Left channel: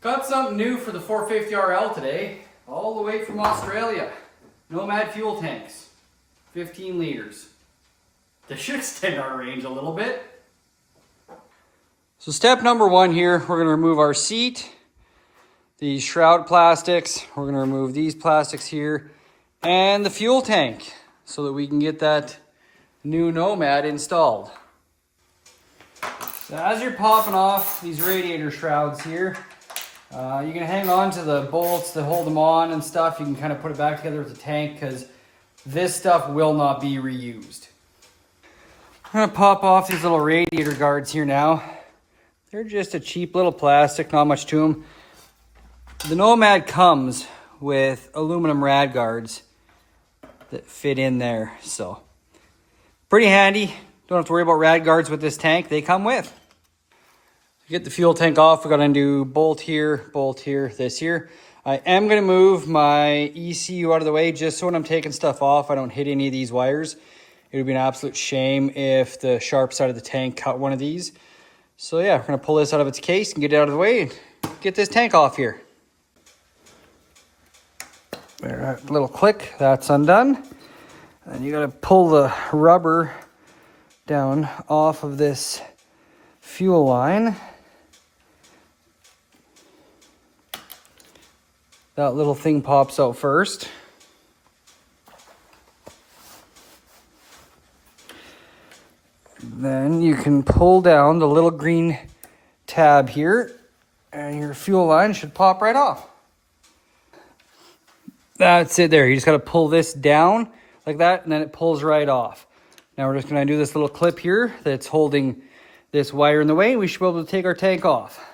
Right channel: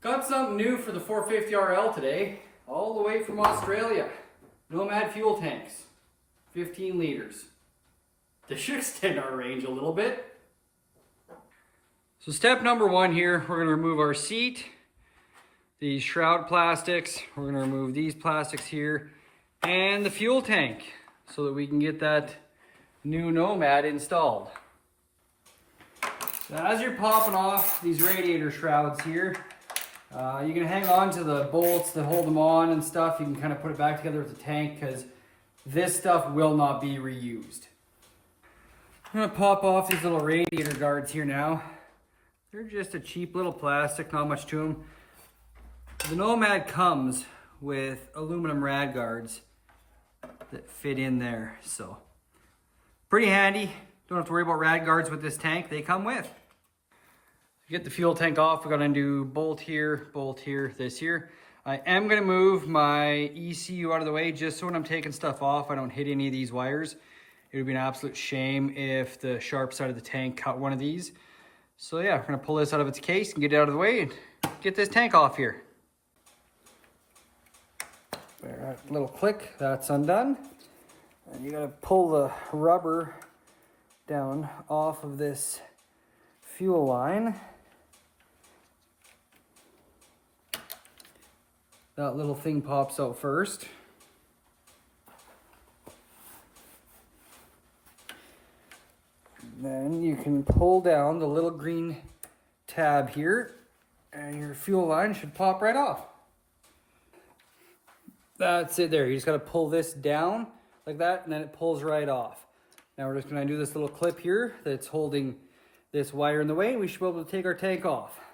Got something new for the 450RL today, all the way from Australia. Nomad Fuel Tanks, 15 liters. They should extend our range a little bit. So step number one here, we're gonna remove our seat, these shroud plastics, we're gonna remove these plastics here, and the fuel tank, so that we can get that new Nomad installed. So as you're popping off these radiator shrouds here, you can hang on to the bolts that hold them on and stuff. You can kind of put it back together with the tank because this stuff will not be reused. I'm gonna pop off these little radiator guards here now. They're just a cheap little plastic, not much to them. The Nomad comes with aluminum rad guards that fit in there, so pretty handy. Don't have to worry about rad guards with this tank. They come with. To get the fuel tank off, we got to undo bolt here, this here. I am going to move my ECU out of the way just so when I'm taking stuff off, I don't hit any of these wires. It would be an absolute shame if the sharp side of the tank cut one of these. So yeah, we're going to pull this out of its case and get it out of the way and get this tank off here. There, a little click, that's undone. And you got to pull the rubber down off of this fuel line. That little thing pops out first. Then you can pull down the little green tab here and your fuel line should pop right off. That's it there. You just got to pull this down like that and then it pulls right off. Now we're just going to do this little clip here that's holding this wire in the way. We should be able to take our tank off.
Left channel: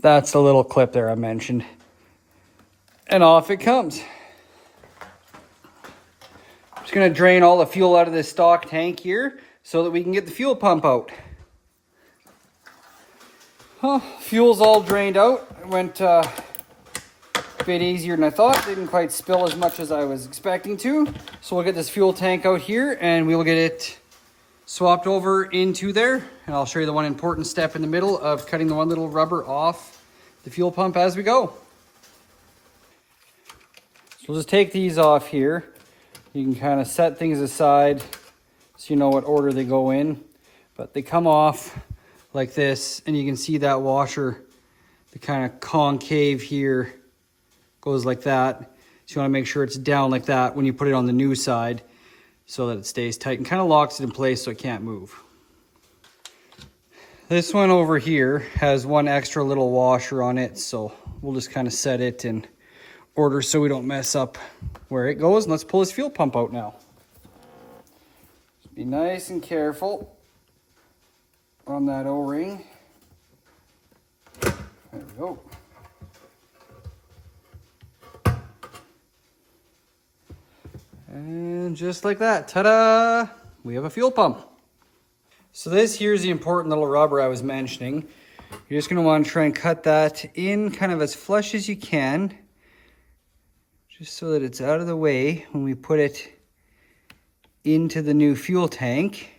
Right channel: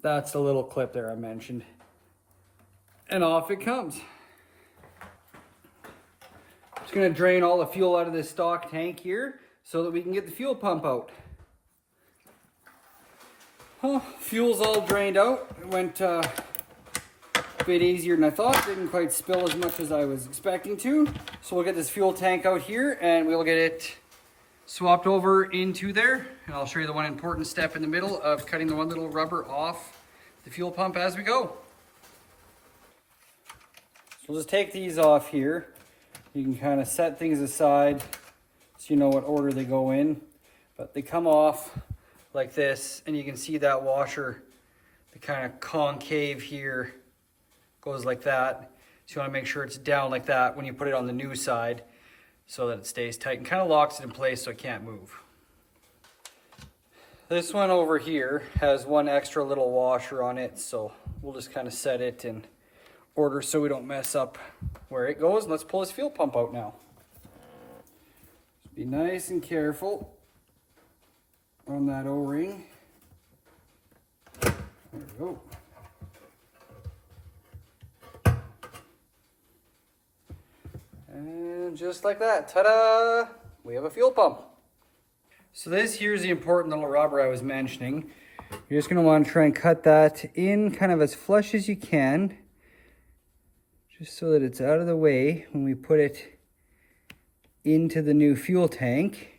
That's the little clip there I mentioned. And off it comes. Just going to drain all the fuel out of this stock tank here so that we can get the fuel pump out. Well, fuel's all drained out. It went a bit easier than I thought. Didn't quite spill as much as I was expecting to. So we'll get this fuel tank out here and we will get it swapped over into there. And I'll show you the one important step in the middle of cutting the one little rubber off the fuel pump as we go. So we'll just take these off here. You can kind of set things aside so you know what order they go in. But they come off like this and you can see that washer, the kind of concave here goes like that. So you want to make sure it's down like that when you put it on the new side so that it stays tight and kind of locks it in place so it can't move. This one over here has one extra little washer on it, so we'll just kind of set it in order so we don't mess up where it goes. And let's pull this fuel pump out now. Just be nice and careful on that O-ring. There we go. And just like that, ta-da, we have a fuel pump. So this here's the important little rubber I was mentioning. You're just gonna want to try and cut that in kind of as flush as you can, just so that it's out of the way when we put it into the new fuel tank.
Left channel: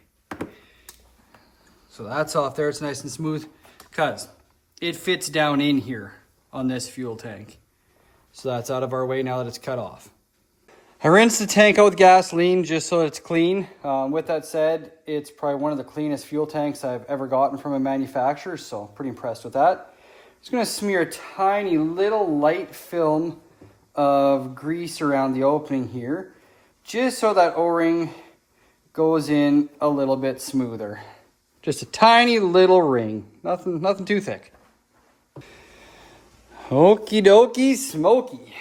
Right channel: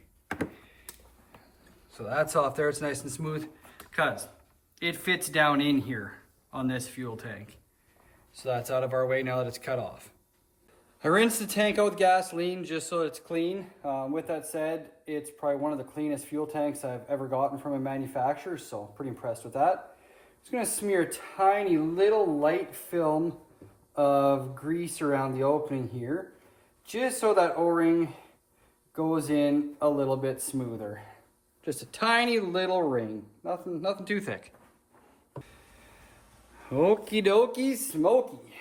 So that's off there, it's nice and smooth, because it fits down in here on this fuel tank. So that's out of our way now that it's cut off. I rinsed the tank out with gasoline just so it's clean. With that said, it's probably one of the cleanest fuel tanks I've ever gotten from a manufacturer, so pretty impressed with that. Just gonna smear a tiny little light film of grease around the opening here, just so that O-ring goes in a little bit smoother. Just a tiny little ring, nothing too thick. Okie dokie smoky.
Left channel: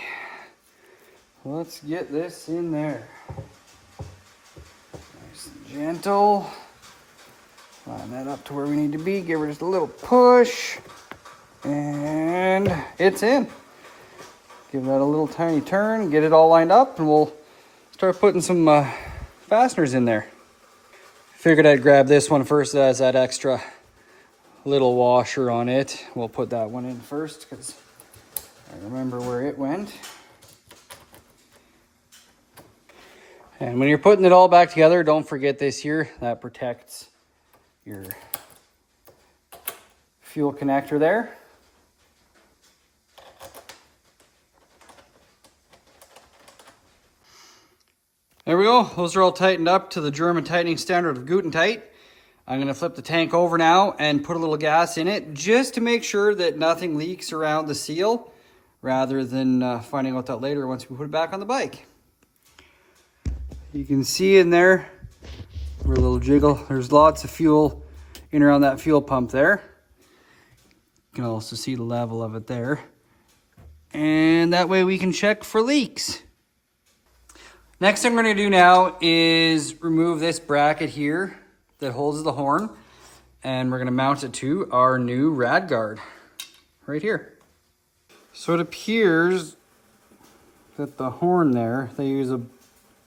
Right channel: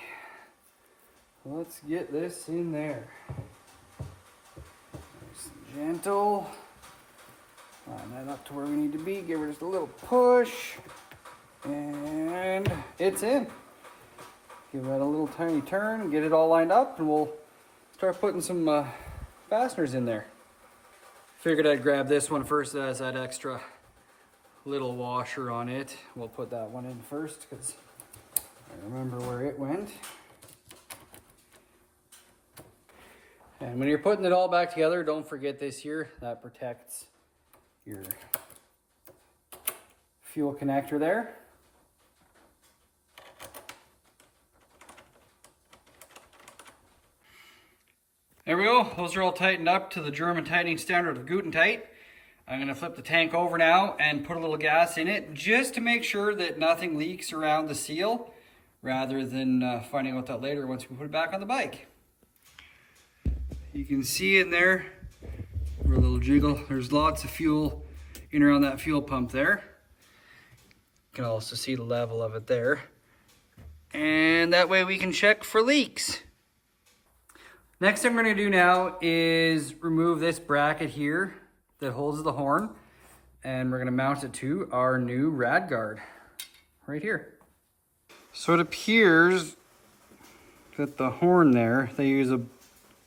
Let's get this in there. Nice and gentle. Line that up to where we need to be. Give her just a little push. And it's in. Give that a little tiny turn. Get it all lined up and we'll start putting some fasteners in there. Figured I'd grab this one first. That has that extra little washer on it. We'll put that one in first because I remember where it went. And when you're putting it all back together, don't forget this here. That protects your fuel connector there. There we go. Those are all tightened up to the German tightening standard of Guten tight. I'm going to flip the tank over now and put a little gas in it just to make sure that nothing leaks around the seal, rather than finding out that later once we put it back on the bike. You can see in there, a little jiggle, there's lots of fuel in around that fuel pump there. You can also see the level of it there. And that way we can check for leaks. Next thing we're going to do now is remove this bracket here that holds the horn, and we're going to mount it to our new rad guard right here. So it appears that the horn there, they use a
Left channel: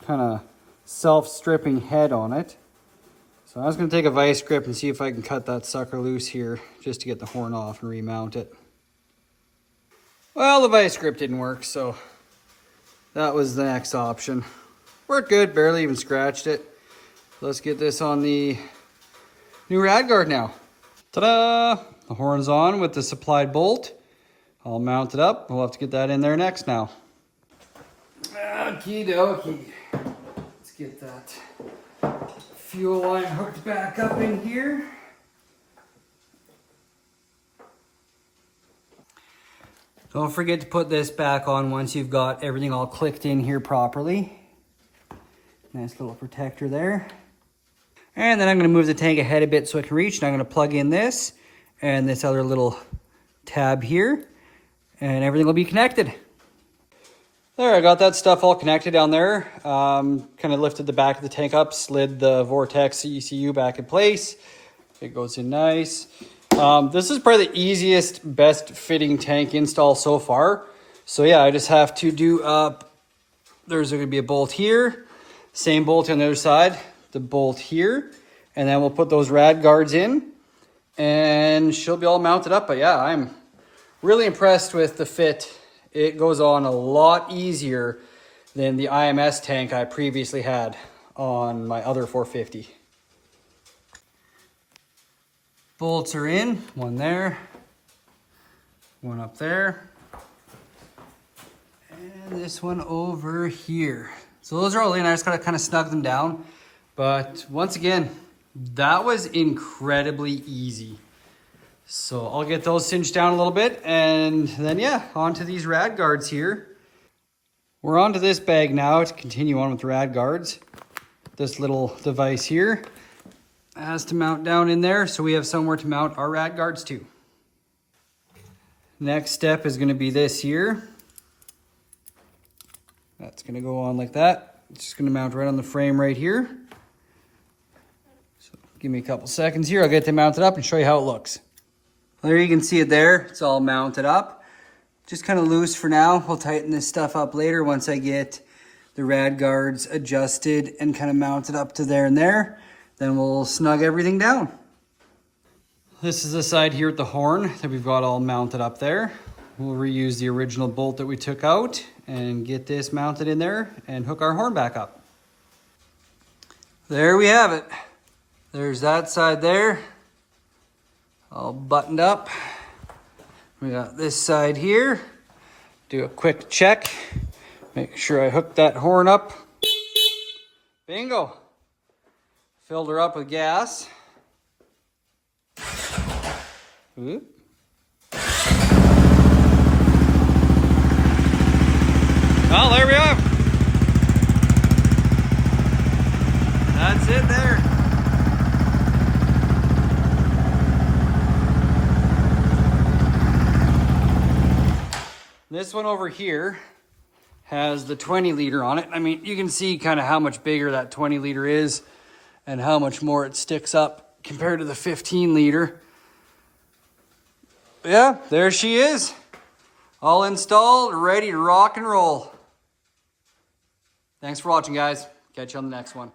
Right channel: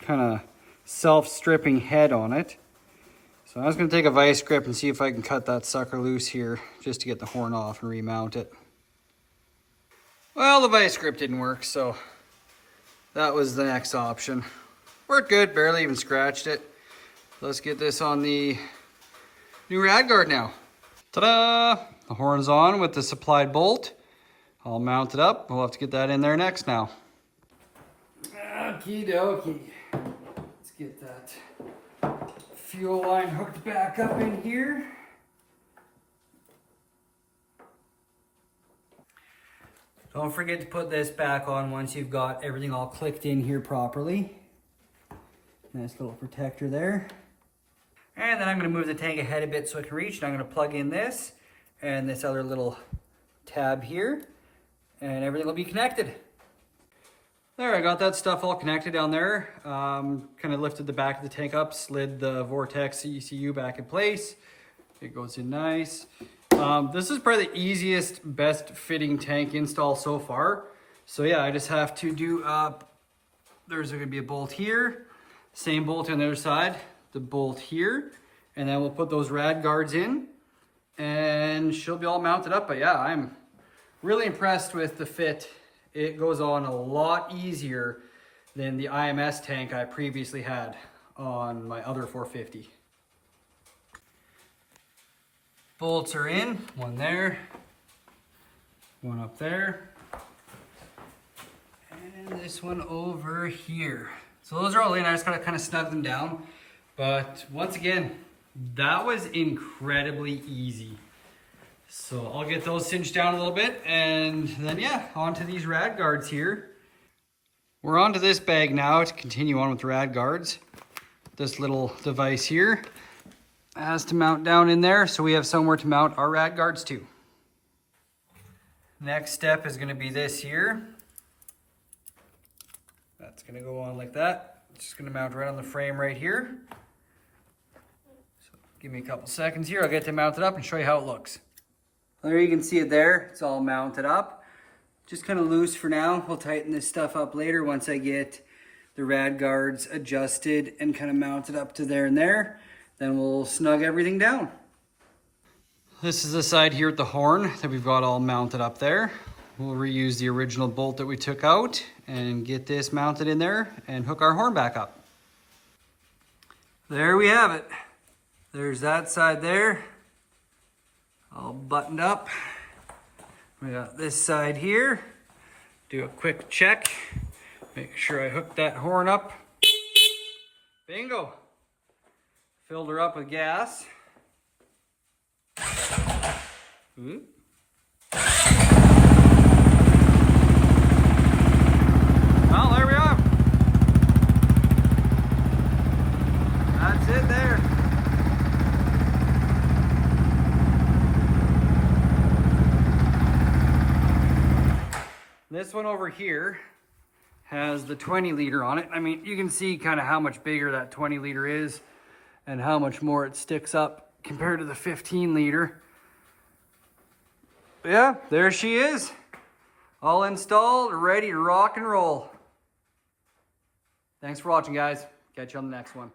kind of self-stripping head on it. So I was going to take a vice grip and see if I can cut that sucker loose here just to get the horn off and remount it. Well, the vice grip didn't work, so that was the next option. Worked good, barely even scratched it. Let's get this on the new rad guard now. Ta-da! The horn's on with the supplied bolt. I'll mount it up. We'll have to get that in there next now. Okie dokie. Let's get that fuel line hooked back up in here. Don't forget to put this back on once you've got everything all clicked in here properly. Nice little protector there. And then I'm going to move the tank ahead a bit so I can reach. And I'm going to plug in this and this other little tab here. And everything will be connected. There, I got that stuff all connected down there. Kind of lifted the back of the tank up, slid the Vortex ECU back in place. It goes in nice. This is probably the easiest, best fitting tank install so far. So yeah, I just have to do up, there's going to be a bolt here, same bolt on the other side, the bolt here, and then we'll put those rad guards in and she'll be all mounted up. But yeah, I'm really impressed with the fit. It goes on a lot easier than the IMS tank I previously had on my other 450. Bolts are in, one there, one up there, and this one over here. So those are all in. I just gotta kind of snug them down. But once again, that was incredibly easy. So I'll get those cinched down a little bit, and then yeah, onto these rad guards here. We're onto this bag now to continue on with the rad guards. This little device here has to mount down in there, so we have somewhere to mount our rad guards too. Next step is going to be this here. That's going to go on like that. It's just going to mount right on the frame right here. So give me a couple seconds here. I'll get them mounted up and show you how it looks. There you can see it there. It's all mounted up. Just kind of loose for now. We'll tighten this stuff up later once I get the rad guards adjusted and kind of mounted up to there and there. Then we'll snug everything down. This is the side here at the horn that we've got all mounted up there. We'll reuse the original bolt that we took out and get this mounted in there and hook our horn back up. There we have it. There's that side there, all buttoned up. We got this side here. Do a quick check. Make sure I hook that horn up. Bingo. Filled her up with gas. Ooh. Well, there we are. That's it there. This one over here has the 20 liter on it. I mean, you can see kind of how much bigger that 20 liter is and how much more it sticks up compared to the 15 liter. Yeah, there she is. All installed, ready to rock and roll. Thanks for watching, guys. Catch you on the next one.